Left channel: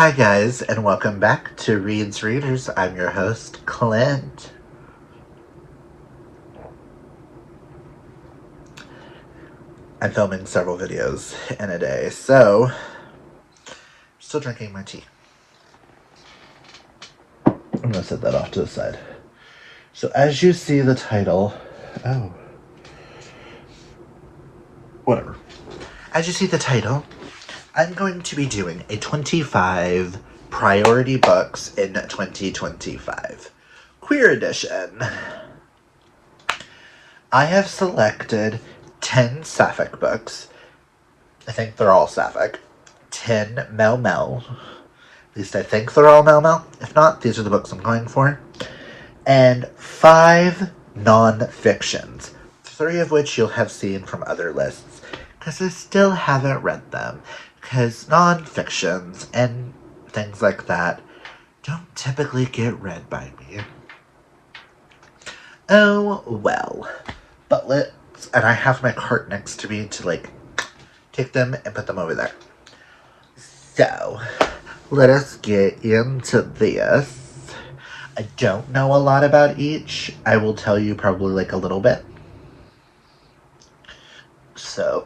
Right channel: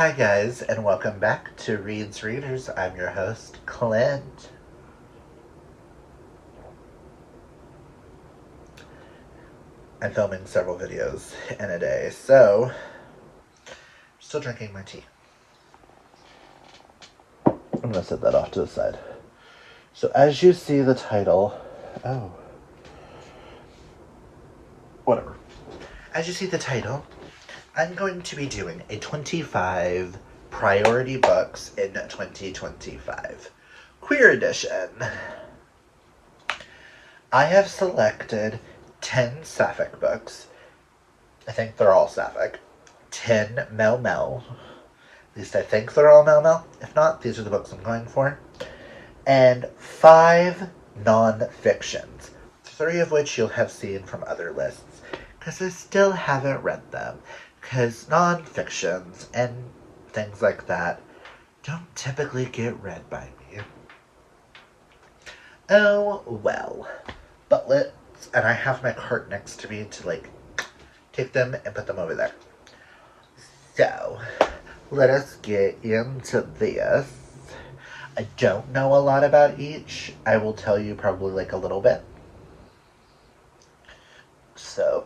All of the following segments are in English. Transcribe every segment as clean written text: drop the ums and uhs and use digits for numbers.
Hi guys, and welcome back to Reed's Readers. I'm your host, Clint. I'm filming several videos in a day, so still drinking my tea. I'm gonna set that off to the side. So as you see the title, whatever. As you see the title, I'm going to be doing a 25 priority books in 2025 queer edition. I have selected 10 sapphic books. I think they're all sapphic. 10 Mel Mel. At least I think they're all Mel Mel. If not, these are the books I'm going for. And 5 non-fictions. 3 of which you'll have seen from other lists, because I still haven't read them. Because non-fictions and things like that don't typically get read by me. Oh, well. But and I have my cart next to me to, take them and put them over there. So, let us get into this. I don't know a lot about each. I will tell you probably, a little bit. So,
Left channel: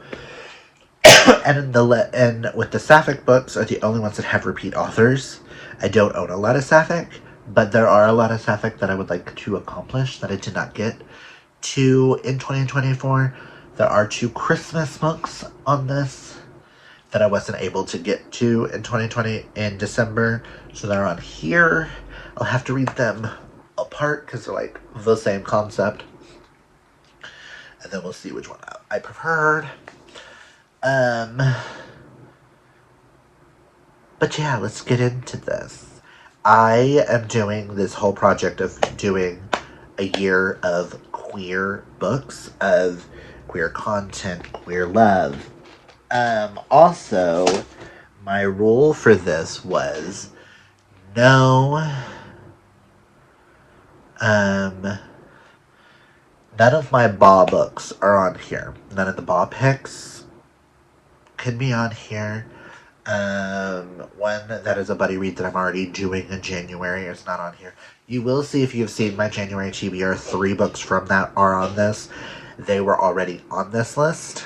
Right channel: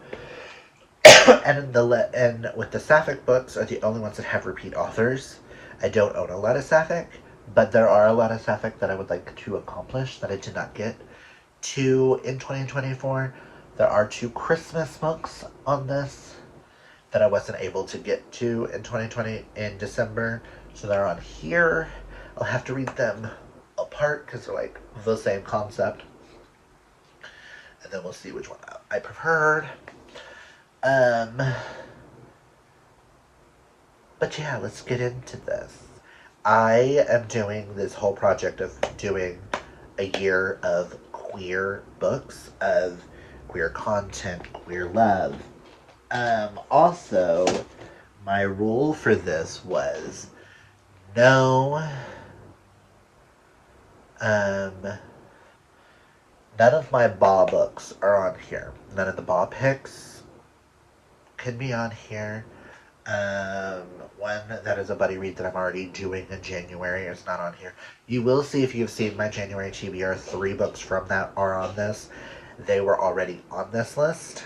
and with the sapphic books are the only ones that have repeat authors. I don't own a lot of sapphic, but there are a lot of sapphic that I would like to accomplish that I did not get to in 2024. There are 2 Christmas books on this that I wasn't able to get to in 2020 in December, so they're on here. I'll have to read them apart because they're the same concept, and then we'll see which one I preferred. But yeah, let's get into this. I am doing this whole project of doing a year of queer books, of queer content, queer love. Also, my rule for this was none of my BA books are on here. None of the BA picks can be on here. One that is a buddy read that I'm already doing in January is not on here. You will see, if you've seen my January TBR, 3 books from that are on this. They were already on this list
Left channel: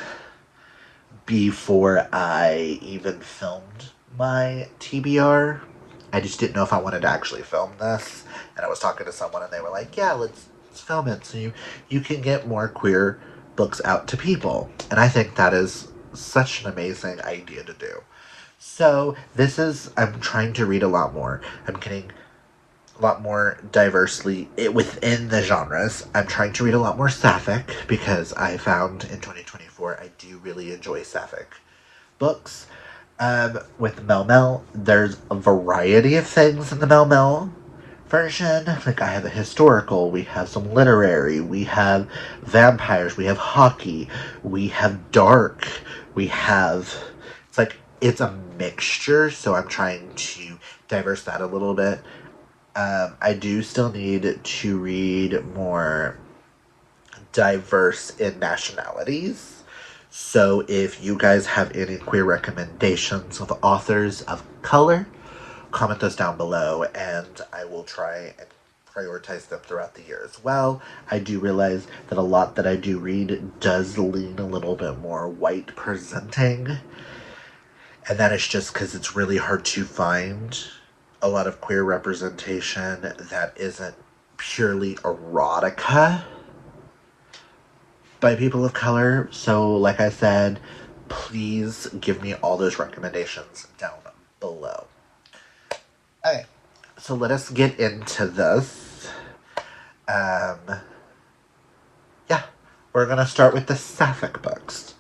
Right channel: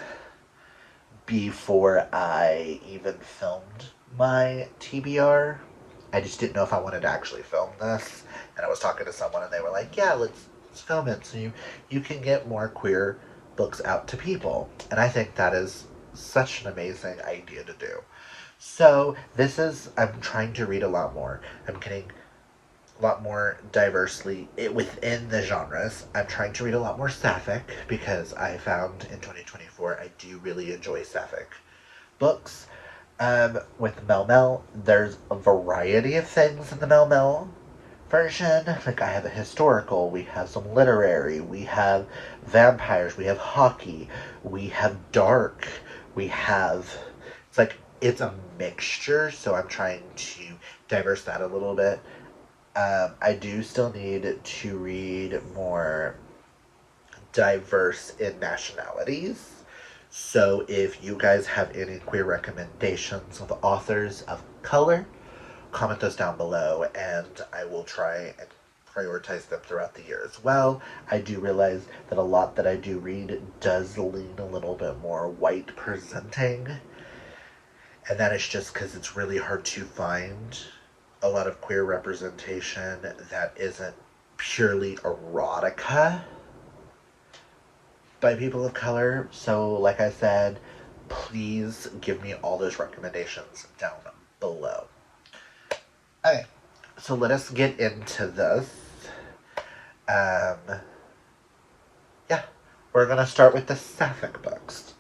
before I even filmed my TBR. I just didn't know if I wanted to actually film this, and I was talking to someone and they were like, yeah, let's film it so you can get more queer books out to people. And I think that is such an amazing idea to do. So I'm trying to read a lot more. I'm getting a lot more diversely within the genres. I'm trying to read a lot more sapphic because I found in 2024 I do really enjoy sapphic books. With Mel Mel, there's a variety of things in the Mel Mel version. I have a historical, we have some literary, we have vampires, we have hockey, we have dark, we have... It's a mixture, so I'm trying to diverse that a little bit. I do still need to read more diverse in nationalities. So if you guys have any queer recommendations of authors of color, comment those down below, and I will try and prioritize them throughout the year as well. I do realize that a lot that I do read does lean a little bit more white presenting, and that is just because it's really hard to find a lot of queer representation that isn't purely erotica by people of color. So, like I said, please give me all those recommendations down below. Okay, so let us get into this. Yeah, we're gonna start with the sapphic books.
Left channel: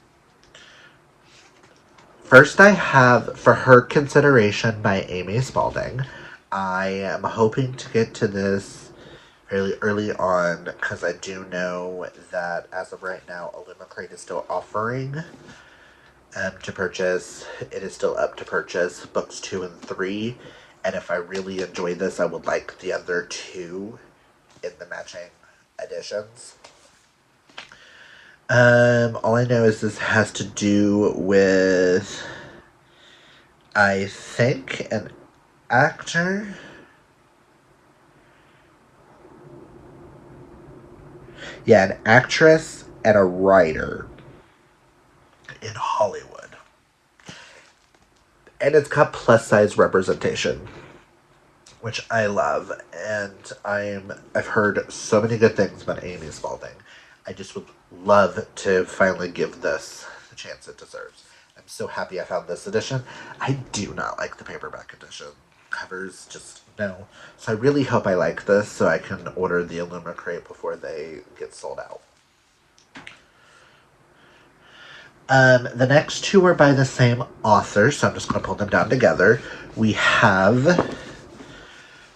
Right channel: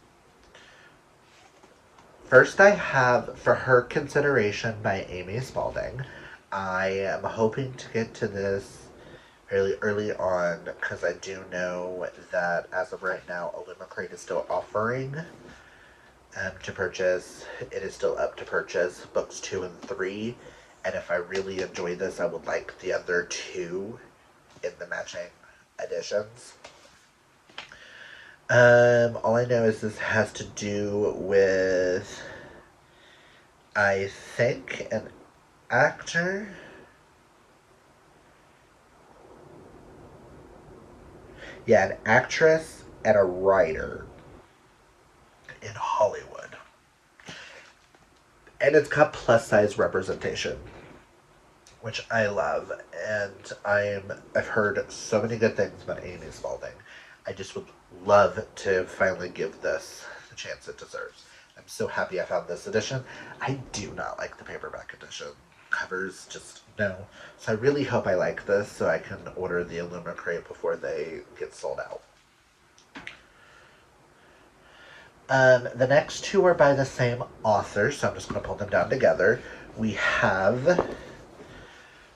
First, I have For Her Consideration by Amy Spalding. I am hoping to get to this fairly early on because I do know that as of right now, Alimacrate is still offering to purchase. It is still up to purchase books 2 and 3, and if I really enjoy this, I would like the other 2 in the matching editions. All I know is this has to do with, I think, an actor. Yeah, an actress and a writer in Hollywood. And it's got plus size representation, which I love. And I've heard so many good things about Amy Spalding. I just would love to finally give this the chance it deserves. I'm so happy I found this edition. I do not like the paperback edition. Covers just no. So I really hope I like this so I can order the Illumicrate before they get sold out. The next two are by the same author, so I'm just going to pull them down together. We have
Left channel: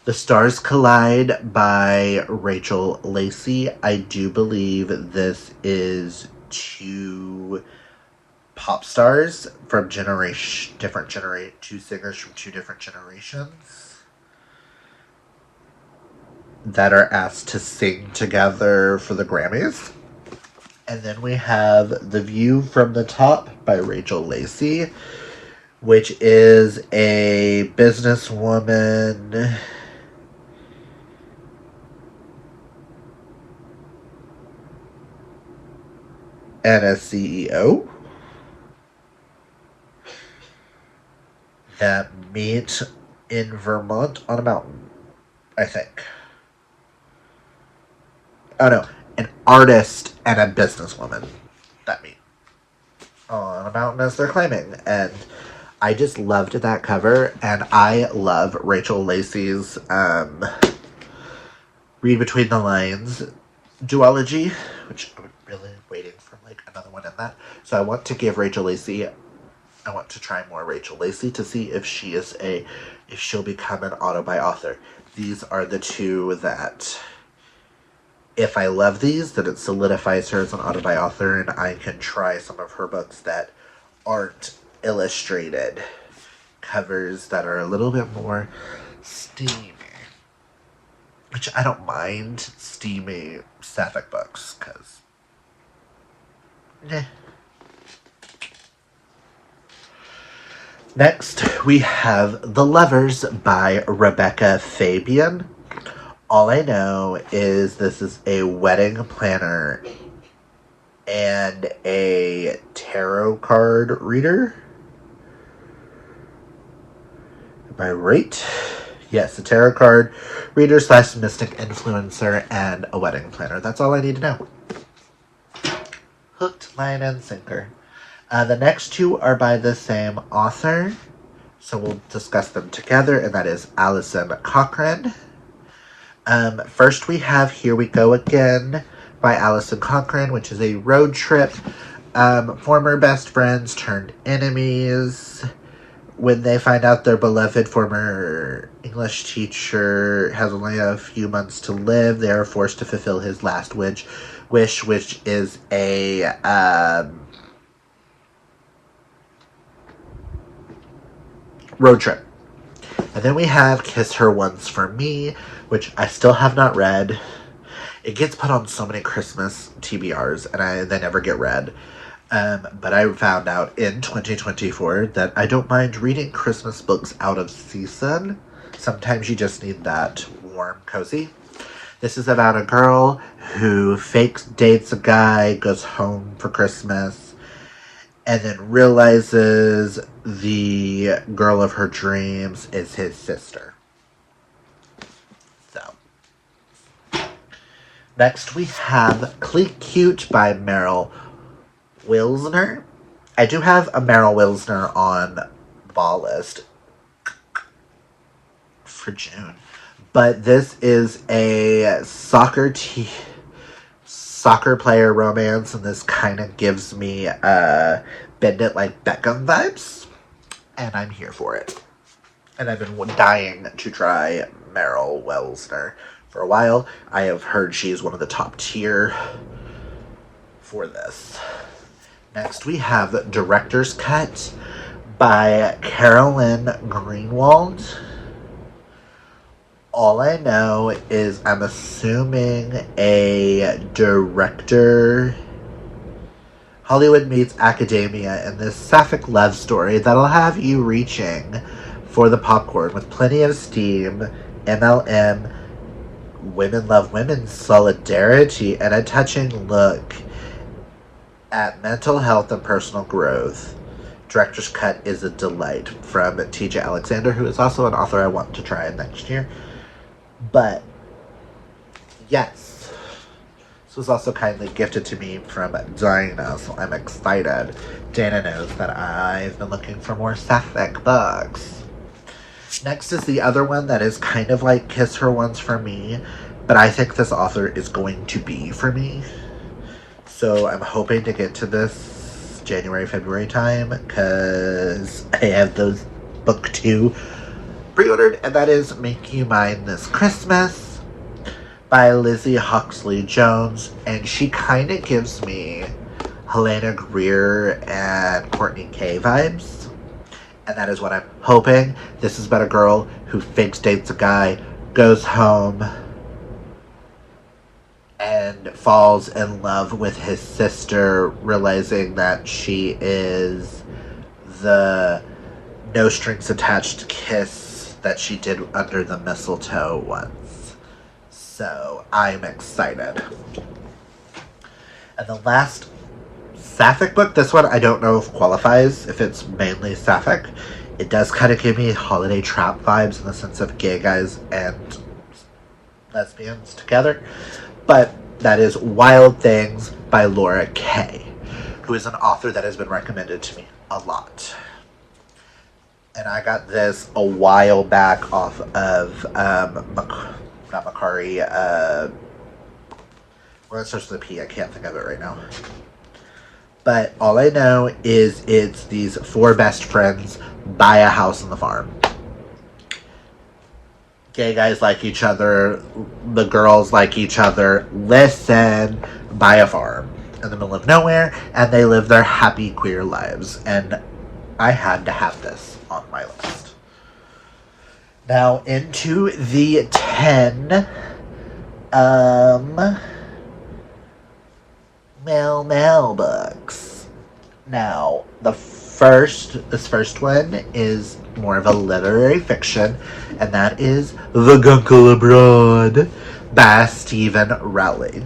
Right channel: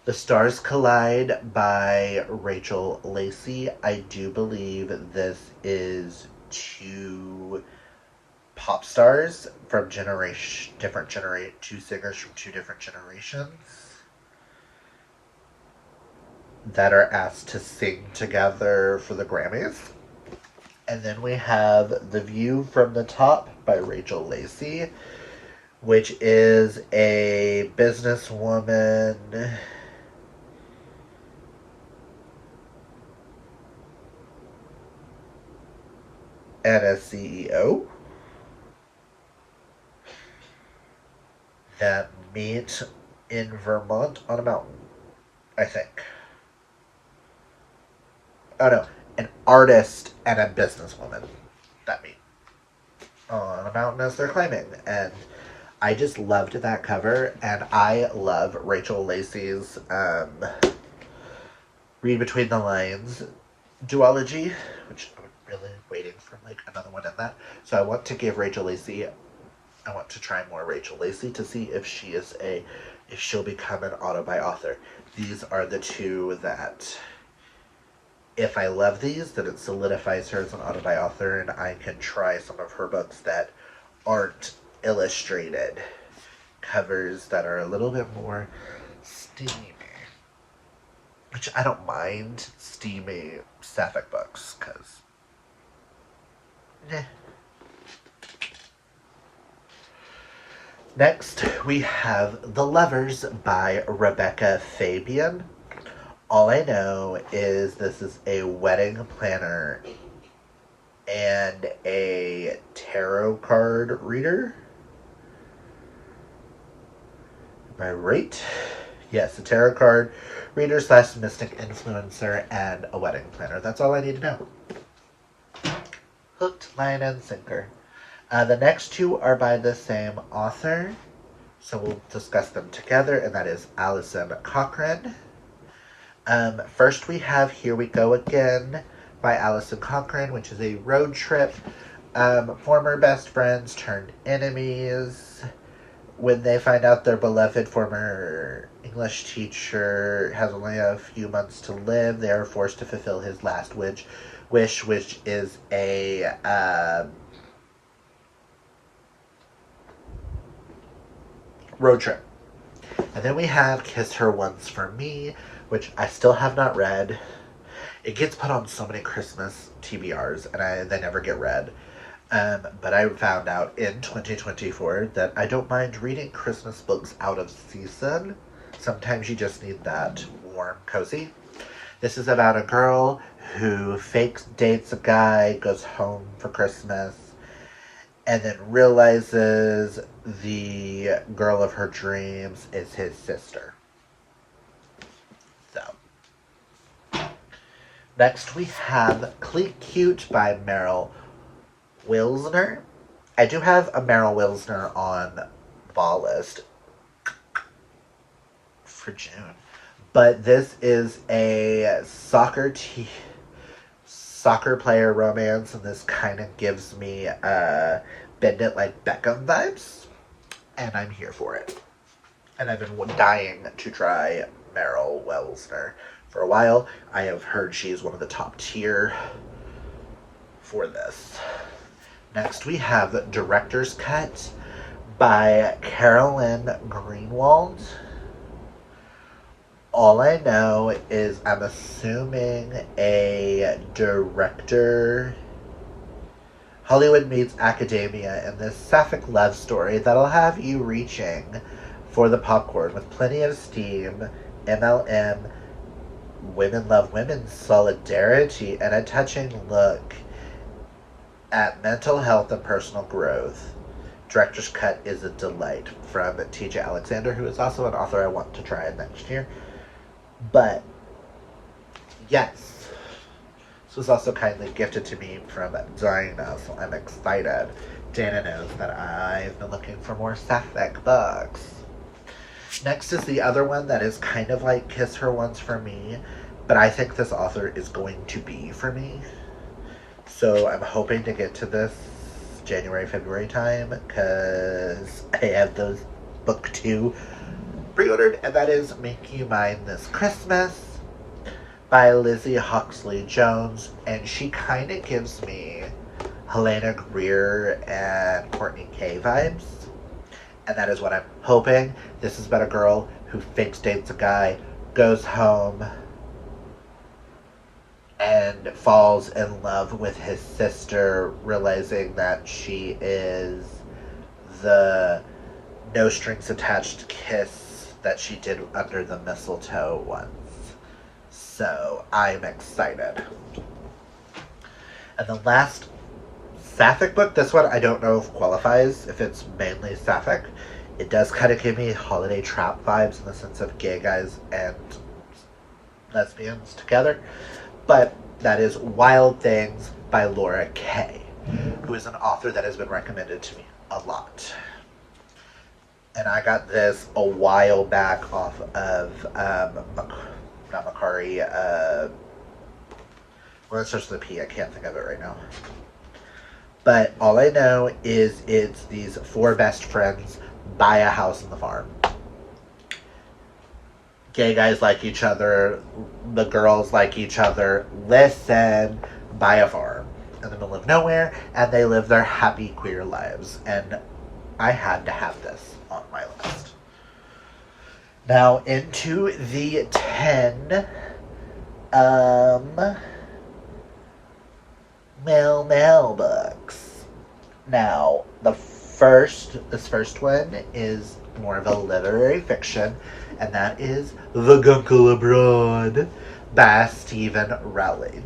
The Stars Collide by Rachel Lacey. I do believe this is two pop stars from two singers from two different generations that are asked to sing together for the Grammys. And then we have The View from the Top by Rachel Lacey, which is a businesswoman and a CEO that meet in Vermont on a mountain, I think. Oh no, an artist and a businesswoman that meet on a mountain as they're climbing. And I just loved that cover, and I love Rachel Lacey's Read Between the Lines duology, which I'm really waiting for like another one in that. So I want to give Rachel Lacey, I want to try more Rachel Lacey to see if she'll become an auto-buy author. These are the two that, if I love these, then it solidifies her as an auto-buy author, and I can try some of her books that aren't illustrated covers that are a little bit more steamy. Which I don't mind steamy sapphic books, because Next, we have The Lovers by Rebecca Fabian. All I know is this is a wedding planner and a tarot card reader. Am I right? Yes, a tarot card reader / mystic influencer and a wedding planner. That's all I need to know. Hooked, line, and sinker. The next two are by the same author, so we'll discuss them together, and that is Alison Cochrane. First we have Here We Go Again by Alison Cochrane, which is a road trip. Former best friends turned enemies. When they find out their beloved former English teacher has only a few months to live, they are forced to fulfill his last wish, which is a road trip. And then we have Kiss Her Once for Me, which I still have not read. It gets put on so many Christmas TBRs, and they never get read. But I found out in 2024 that I don't mind reading Christmas books out of season. Sometimes you just need that warm, cozy. This is about a girl who fakes dates a guy, goes home for Christmas, and then realizes the girl of her dreams is his sister. So, next we have Cleat Cute by Meryl Wilsner. I do have a Meryl Wilsner on the ball list for June, but this is a soccer player romance, and this kind of gives me Bend It Like Beckham vibes, and I'm here for it. And I've been dying to try Meryl Wilsner for a while. I have heard she's one of the top tier for this. Next we have Director's Cut by Carolyn Greenwald. All I know is I'm assuming a director, Hollywood meets academia, in this sapphic love story that'll have you reaching for the popcorn with plenty of steam, MLM, women love women solidarity, and a touching look at mental health and personal growth. Director's cut is a delight from TJ Alexander, who is also an author I want to try next year. But yes, this was also kindly gifted to me from Dinah, so I'm excited. Dana knows that I've been looking for more sapphic books. Next is the other one that is kind of like Kiss Her Once for me, but I think this author is going to be for me. So I'm hoping to get to this January, February time, because I have those book 2 pre-ordered, and that is Make You Mine This Christmas by Lizzie Huxley Jones, and she kind of gives me Helena Greer and Courtney Kay vibes, and that is what I'm hoping. This is about a girl who fakes dates a guy, goes home, and falls in love with his sister, realizing that she is the no strings attached kiss that she did under the mistletoe once. So I'm excited. And the last sapphic book, this one I don't know if qualifies, if it's mainly sapphic. It does kind of give me holiday trap vibes in the sense of gay guys and lesbians together. But that is Wild Things by Laura Kay, who is an author that has been recommended to me a lot. And I got this a while back off of, not Macari, where it starts with a P, I can't think of it right now. But all I know is it's these 4 best friends buy a house on the farm. Gay guys like each other, the girls like each other, listen, buy a farm in the middle of nowhere, and they live their happy queer lives. And I had to have this on my list. Now into the 10 male books. Now this first one is more of a literary fiction, and that is The Guncle Abroad by Stephen Rowley.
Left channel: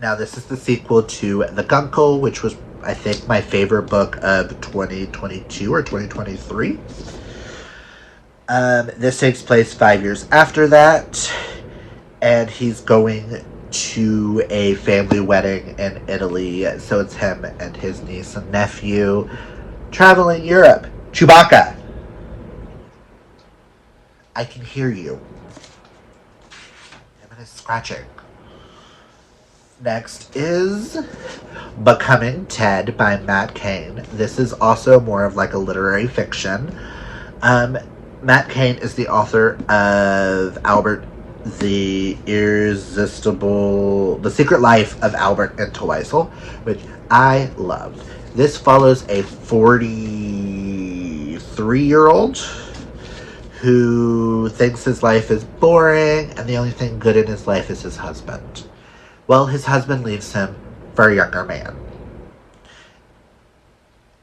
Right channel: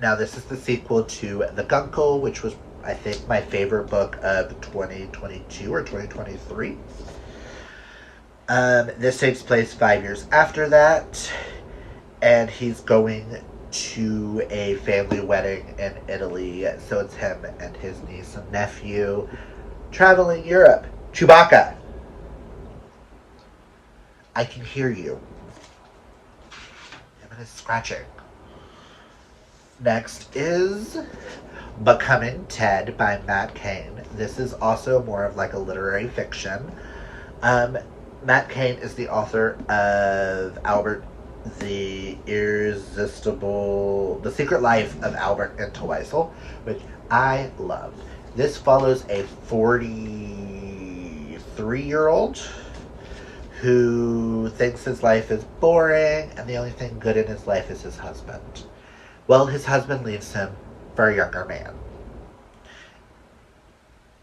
Now this is the sequel to The Guncle, which was, I think, my favorite book of 2022 or 2023. This takes place 5 years after that, and he's going to a family wedding in Italy. So it's him and his niece and nephew traveling Europe. Chewbacca! I can hear you. I'm scratching. Next is Becoming Ted by Matt Cain. This is also more of like a literary fiction. Matt Cain is the author of The Secret Life of Albert Entwistle, which I loved. This follows a 43-year-old who thinks his life is boring and the only thing good in his life is his husband. Well, his husband leaves him for a younger man.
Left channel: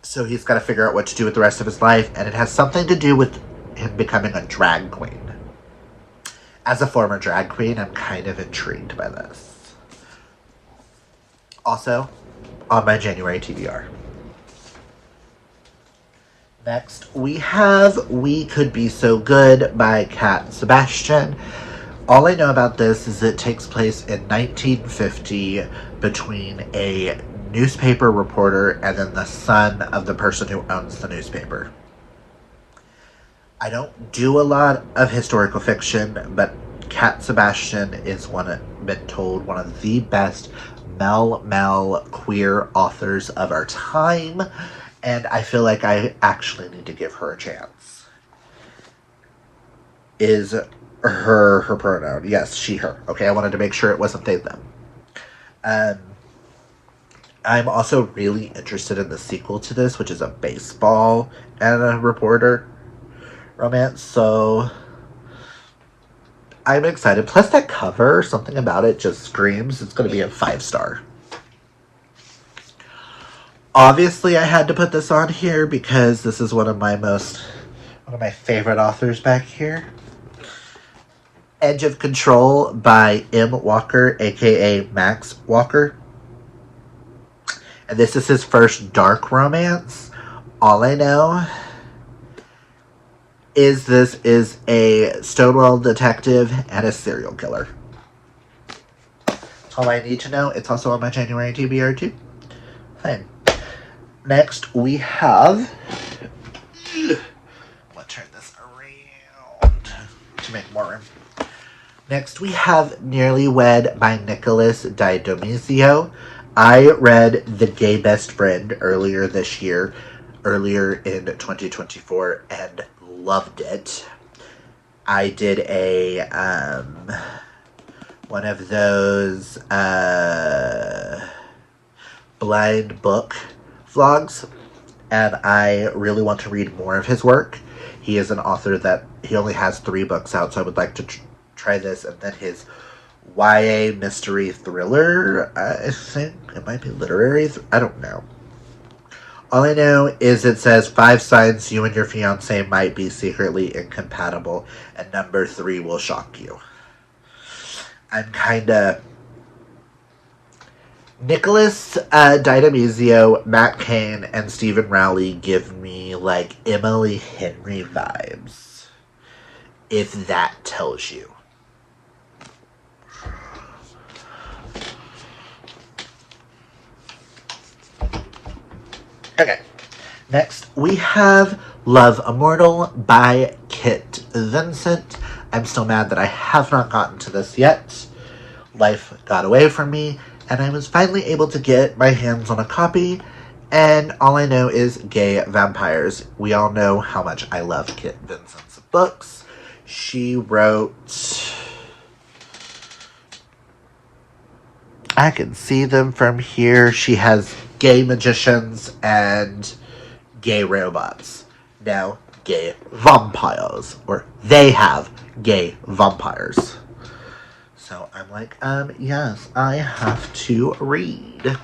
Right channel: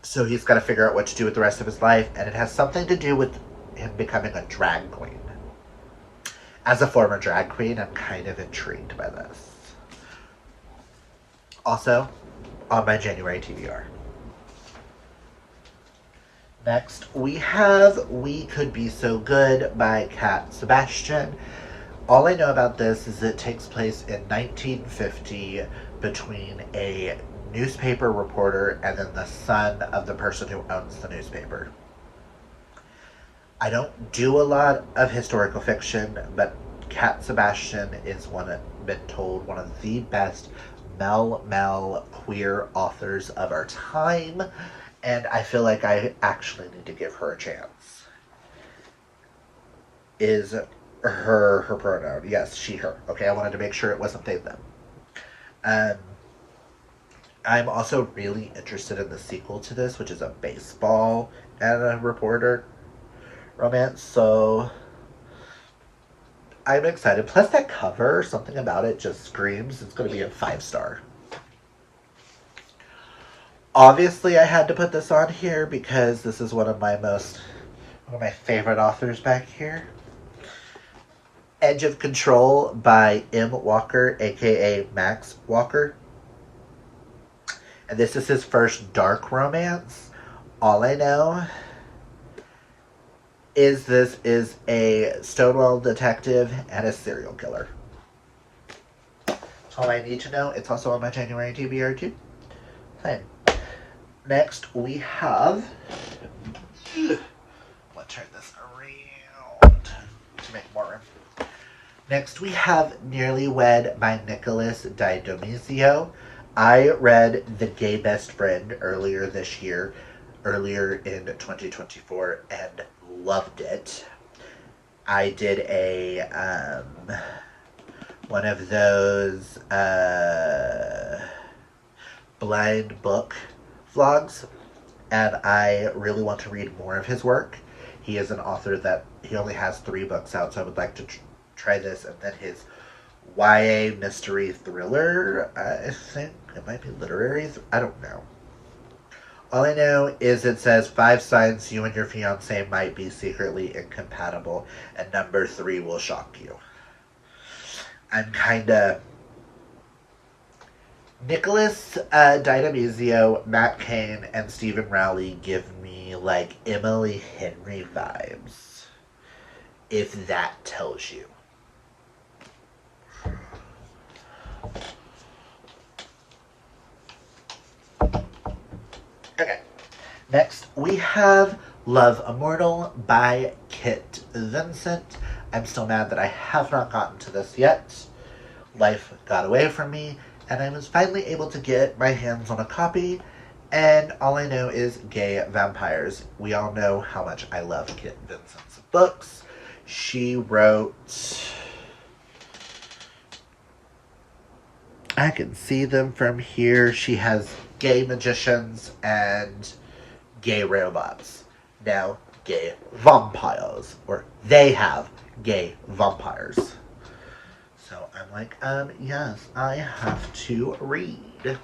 So he's got to figure out what to do with the rest of his life, and it has something to do with him becoming a drag queen. As a former drag queen, I'm kind of intrigued by this. Also, on my January TBR. Next, we have We Could Be So Good by Cat Sebastian. All I know about this is it takes place in 1950 between a newspaper reporter and then the son of the person who owns the newspaper. I don't do a lot of historical fiction, but Cat Sebastian is been told one of the best male queer authors of our time, and I feel like I actually need to give her a chance. Is her pronoun? Yes, she, her. Okay, I wanted to make sure it wasn't they, them. I'm also really interested in the sequel to this, which is a baseball and a reporter romance, so I'm excited. Plus that cover, something about it just screams it's going to be a 5-star. Obviously, I had to put this on here because this is one of my most one of my favorite authors back here. Edge of Control by M. Walker, aka Max Walker. And this is his first dark romance. All I know is this is a Stonewall detective and a serial killer. That's all I need to know. It's also on my January TBR too. Fine. Next we have... I'll turn this around to make more room. Next we have Nearly Wed by Nicholas D'Adonizio. I read The Gay Best Friend earlier in 2024, and loved it. I did a one of those blind book vlogs, and I really want to read more of his work. He is an author that he only has 3 books out, so I would like to try this, and then his YA mystery thriller, I think it might be literary, I don't know. All I know is it says 5 signs you and your fiance might be secretly incompatible, and number 3 will shock you. I'm kinda... Nicholas D'Adonizio, Matt Cain, and Stephen Rowley give me like Emily Henry vibes, if that tells you. Okay, next we have Love Immortal by Kit Vincent. I'm still mad that I have not gotten to this yet. Life got away from me, and I was finally able to get my hands on a copy, and all I know is gay vampires. We all know how much I love Kit Vincent's books. She wrote... I can see them from here. She has gay magicians and gay robots. Now, gay vampires. Or they have gay vampires. So I'm like, yes, I have to read.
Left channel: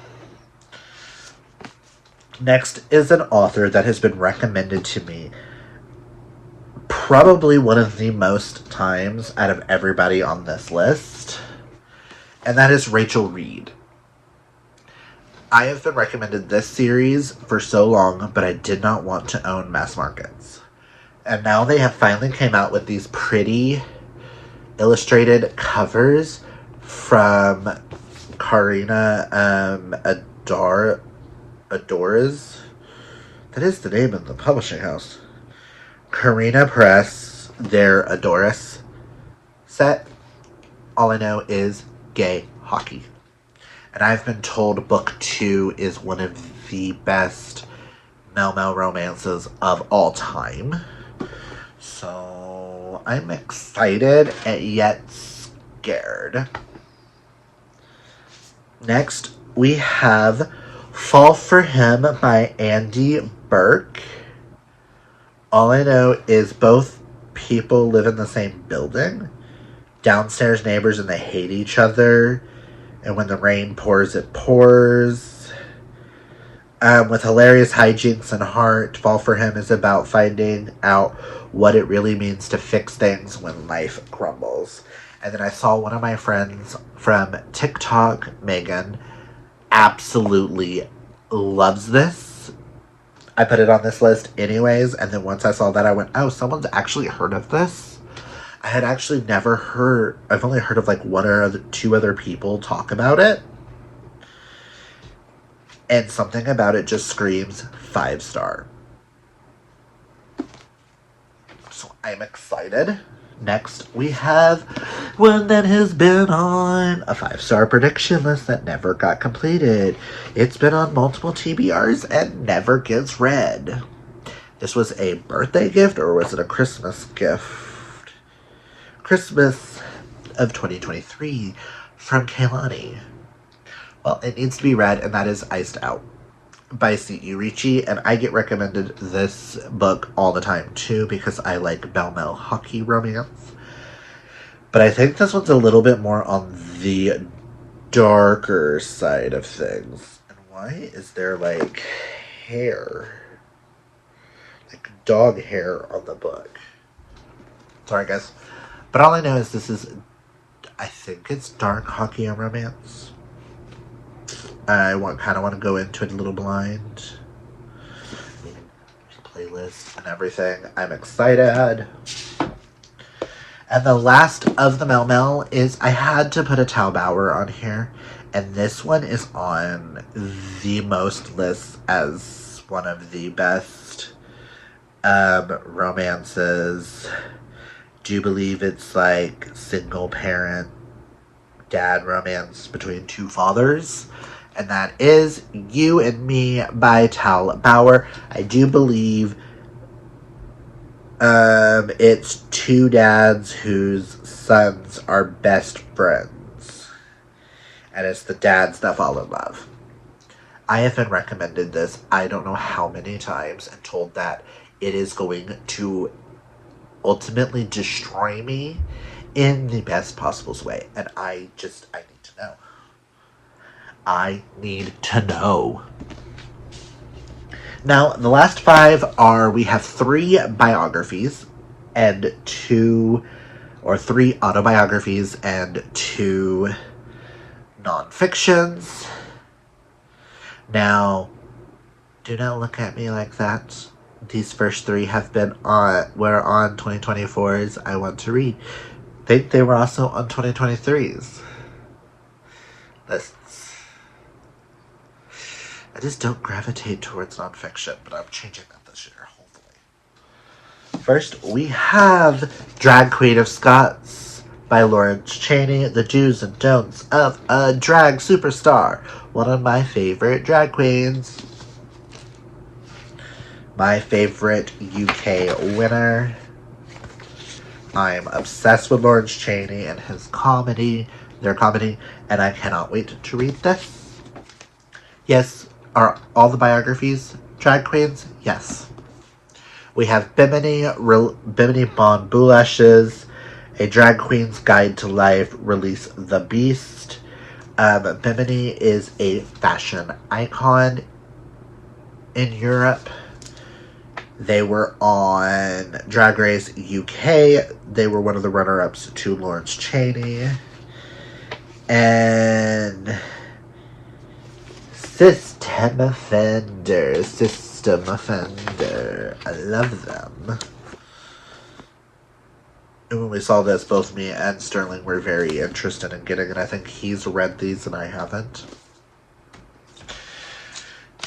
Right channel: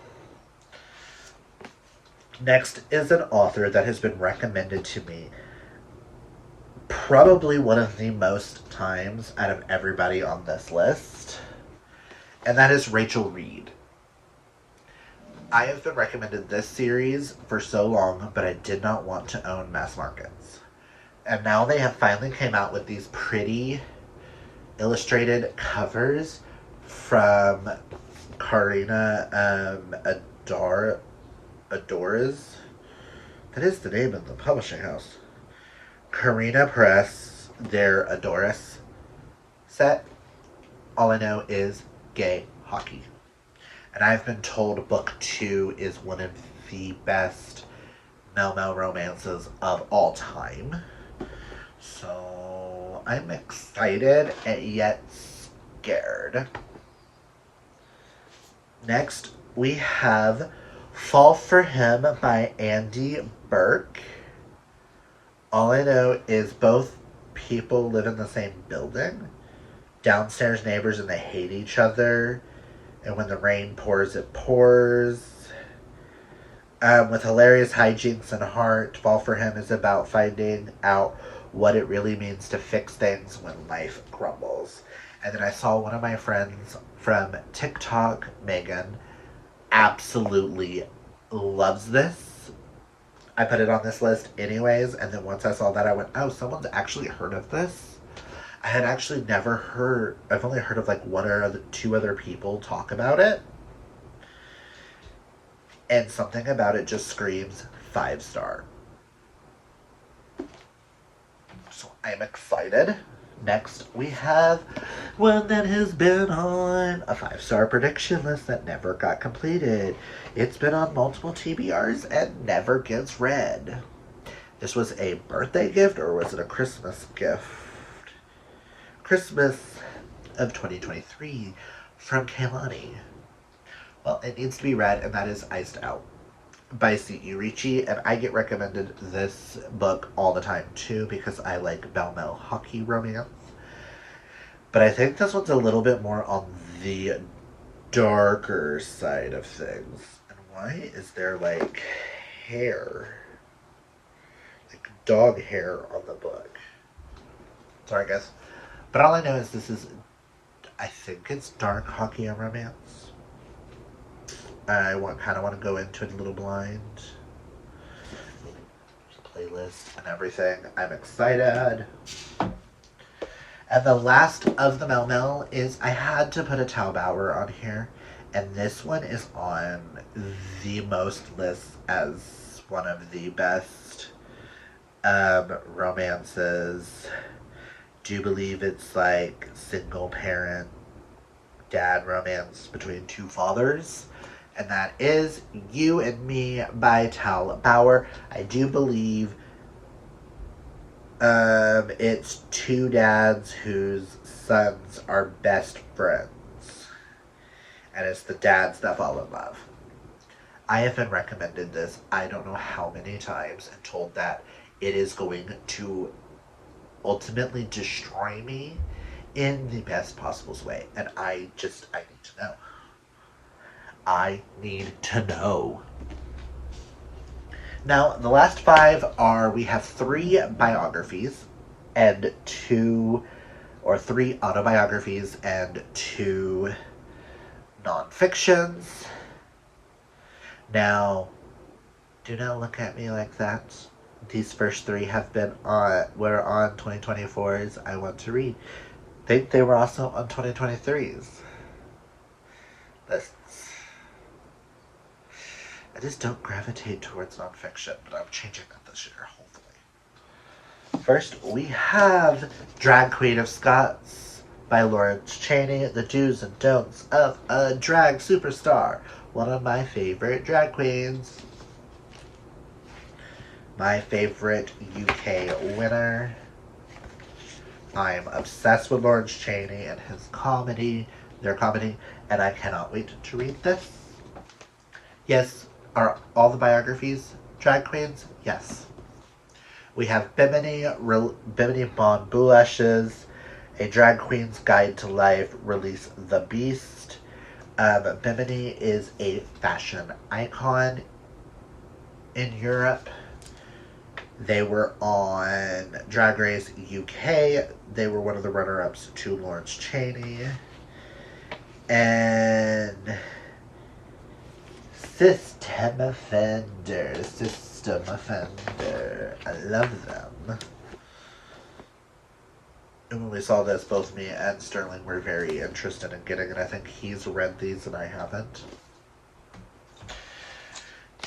Next is an author that has been recommended to me probably one of the most times out of everybody on this list. And that is Rachel Reed. I have been recommended this series for so long, but I did not want to own mass markets. And now they have finally came out with these pretty illustrated covers from Karina Adoras. That is the name of the publishing house. Karina Press, their Adoras set. All I know is gay hockey. And I've been told book 2 is one of the best Mel romances of all time. So I'm excited and yet scared. Next, we have Fall for Him by Andy Burke. All I know is both people live in the same building. Downstairs neighbors, and they hate each other. And when the rain pours, it pours. With hilarious hijinks and heart, Fall for Him is about finding out what it really means to fix things when life crumbles. And then I saw one of my friends from TikTok, Megan, absolutely loves this. I put it on this list anyways, and then once I saw that, I went, oh, someone's actually heard of this? I had actually never heard, I've only heard of like 1 or 2 other people talk about it. And something about it just screams 5-star. So I'm excited. Next, we have one that has been on a 5-star prediction list that never got completed. It's been on multiple TBRs and never gets read. This was a birthday gift, or was it a Christmas gift? Christmas of 2023 from Kaylani. Well, it needs to be read, and that is Iced Out by C.E. Ricci, and I get recommended this book all the time too because I like Belle Mel hockey romance. But I think this one's a little bit more on the darker side of things. And why is there like hair? Like dog hair on the book. Sorry, guys. But all I know is this is, I think it's dark hockey and romance. I kind of want to go into it a little blind. I mean, playlist and everything. I'm excited. And the last of the Mel is, I had to put a Tal Bauer on here. And this one is on the most lists as one of the best romances. Do believe it's like single parent dad romance between two fathers. And that is You and Me by Tal Bauer. I do believe it's two dads whose sons are best friends. And it's the dads that fall in love. I have been recommended this I don't know how many times and told that it is going to ultimately destroy me in the best possible way. And I need to know. I need to know. Now, the last 5 we have 3 biographies and 3 autobiographies and 2 nonfictions. Now, do not look at me like that. These first 3 were on 2024's I Want to Read. I think they were also on 2023's lists. I just don't gravitate towards nonfiction, but I'm changing that this year, hopefully. First, we have Drag Queen of Scots by Lawrence Chaney, The Do's and Don'ts of a Drag Superstar. One of my favorite drag queens. My favorite UK winner. I'm obsessed with Lawrence Chaney and their comedy, and I cannot wait to read this. Yes, are all the biographies drag queens? Yes. We have Bimini Bon Boulash's A Drag Queen's Guide to Life, Release the Beast. Bimini is a fashion icon in Europe. They were on Drag Race UK. They were one of the runner-ups to Lawrence Chaney. And System Offender. I love them. And when we saw this, both me and Sterling were very interested in getting it. I think he's read these and I haven't.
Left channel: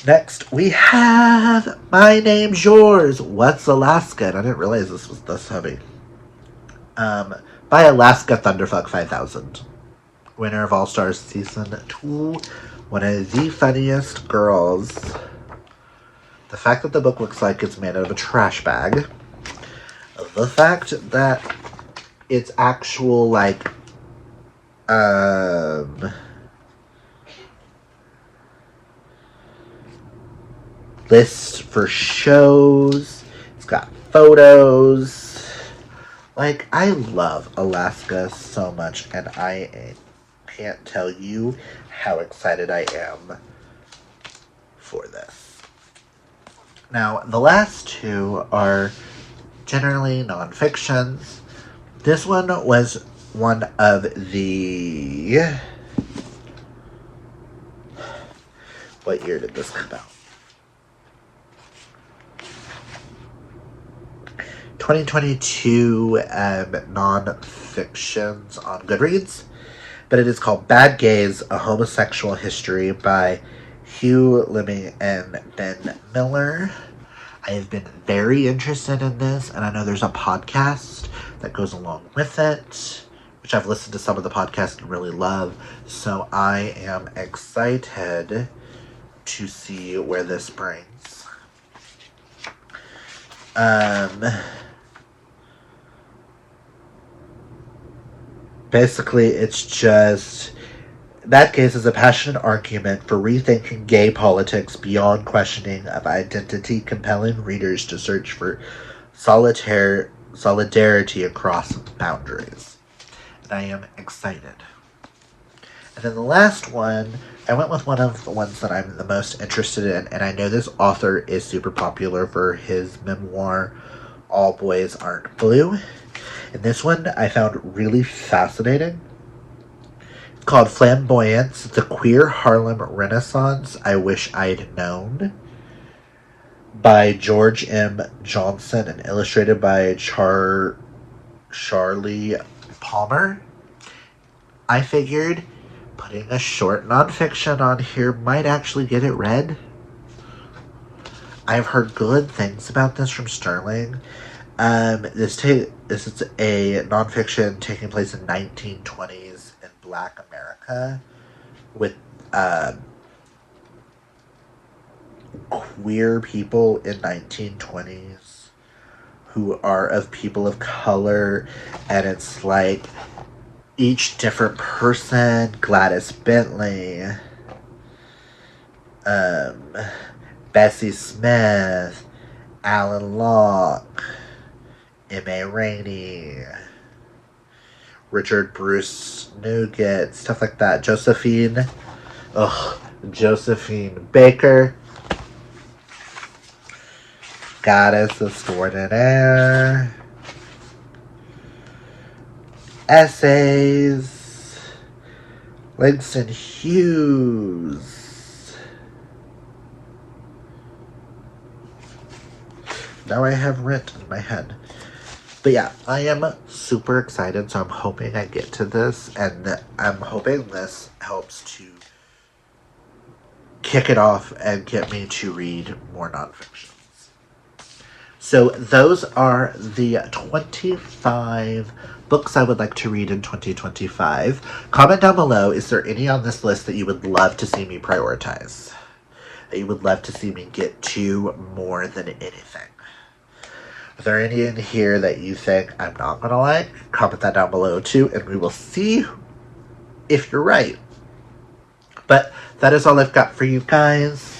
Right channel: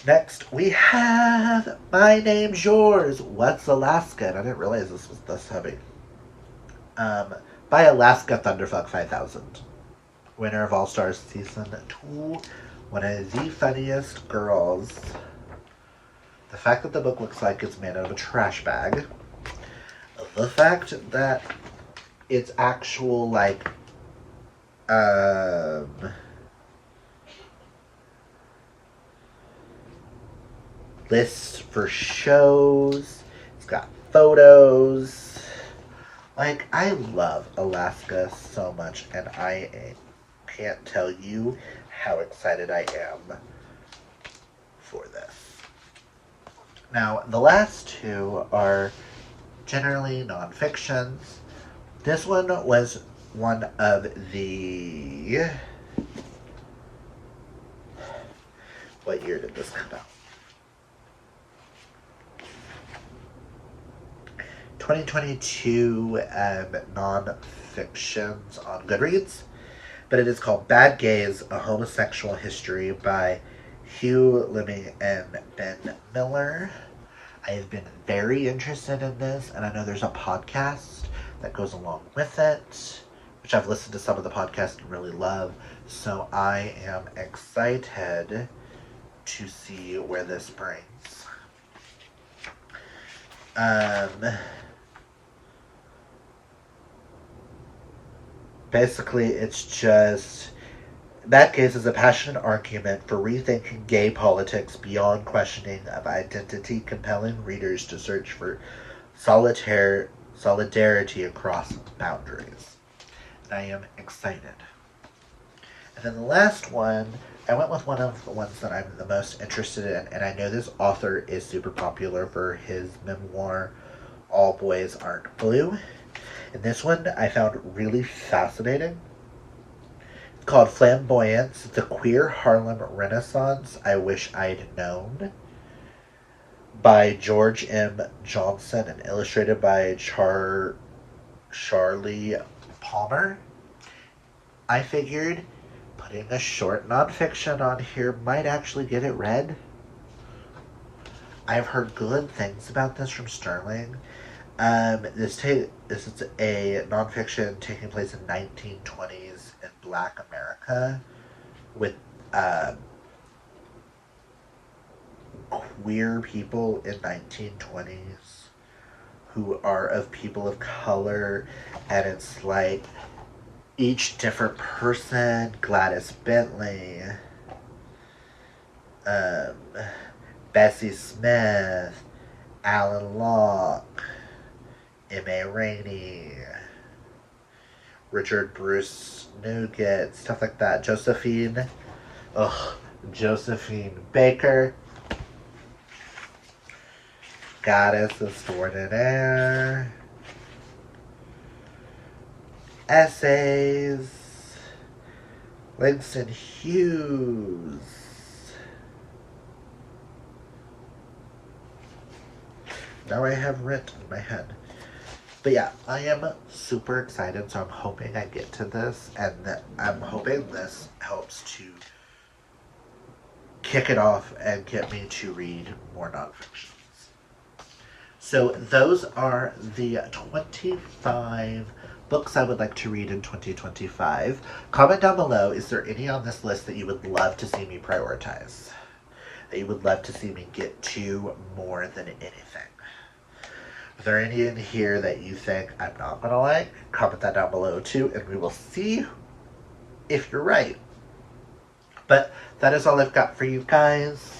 Next, we have My Name's Yours, What's Alaska? And I didn't realize this was this heavy. By Alaska Thunderfuck 5000. Winner of All Stars Season 2. One of the funniest girls. The fact that the book looks like it's made out of a trash bag. The fact that it's actual, like, list for shows. It's got photos. Like, I love Alaska so much, and I can't tell you how excited I am for this. Now, the last 2 are generally non-fictions. This one was one of the... What year did this come out? 2022 non-fictions on Goodreads, but it is called Bad Gays, A Homosexual History by Hugh Liming and Ben Miller. I have been very interested in this, and I know there's a podcast that goes along with it, which I've listened to some of the podcasts and really love, so I am excited to see where this brings. Basically, it's just... That case is a passionate argument for rethinking gay politics beyond questioning of identity, compelling readers to search for solidarity across boundaries. And I am excited. And then the last one I went with one of the ones that I'm the most interested in, and I know this author is super popular for his memoir, All Boys Aren't Blue. And this one I found really fascinating. It's called Flamboyance, The Queer Harlem Renaissance I Wish I'd Known, by George M. Johnson and illustrated by Charlie Palmer. I figured putting a short nonfiction on here might actually get it read. I've heard good things about this from Sterling. This is a nonfiction taking place in 1920s in Black America with queer people in 1920s who are of people of color, and it's like each different person: Gladys Bentley, Bessie Smith, Alan Locke, M.A. Rainey, Richard Bruce Nougat, stuff like that. Josephine Baker, Goddess Extraordinaire, essays, Langston Hughes. Now I have rent in my head. But yeah, I am super excited, so I'm hoping I get to this, and I'm hoping this helps to kick it off and get me to read more nonfictions. So those are the 25 books I would like to read in 2025. Comment down below, is there any on this list that you would love to see me prioritize? That you would love to see me get to more than anything? Are there any in here that you think I'm not going to like? Comment that down below too, and we will see if you're right. But that is all I've got for you guys.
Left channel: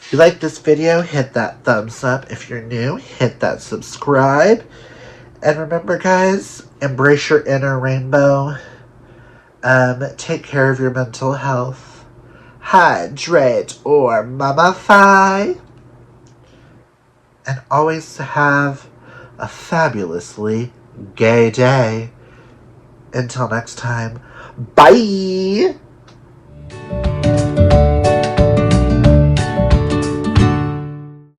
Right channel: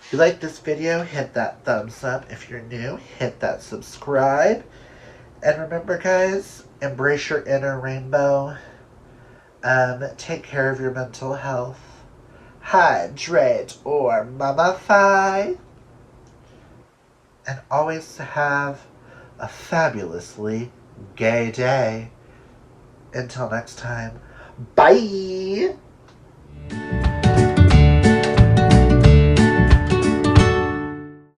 If you like this video, hit that thumbs up. If you're new, hit that subscribe. And remember, guys, embrace your inner rainbow. Take care of your mental health. Hydrate or mummify. And always have a fabulously gay day. Until next time, bye!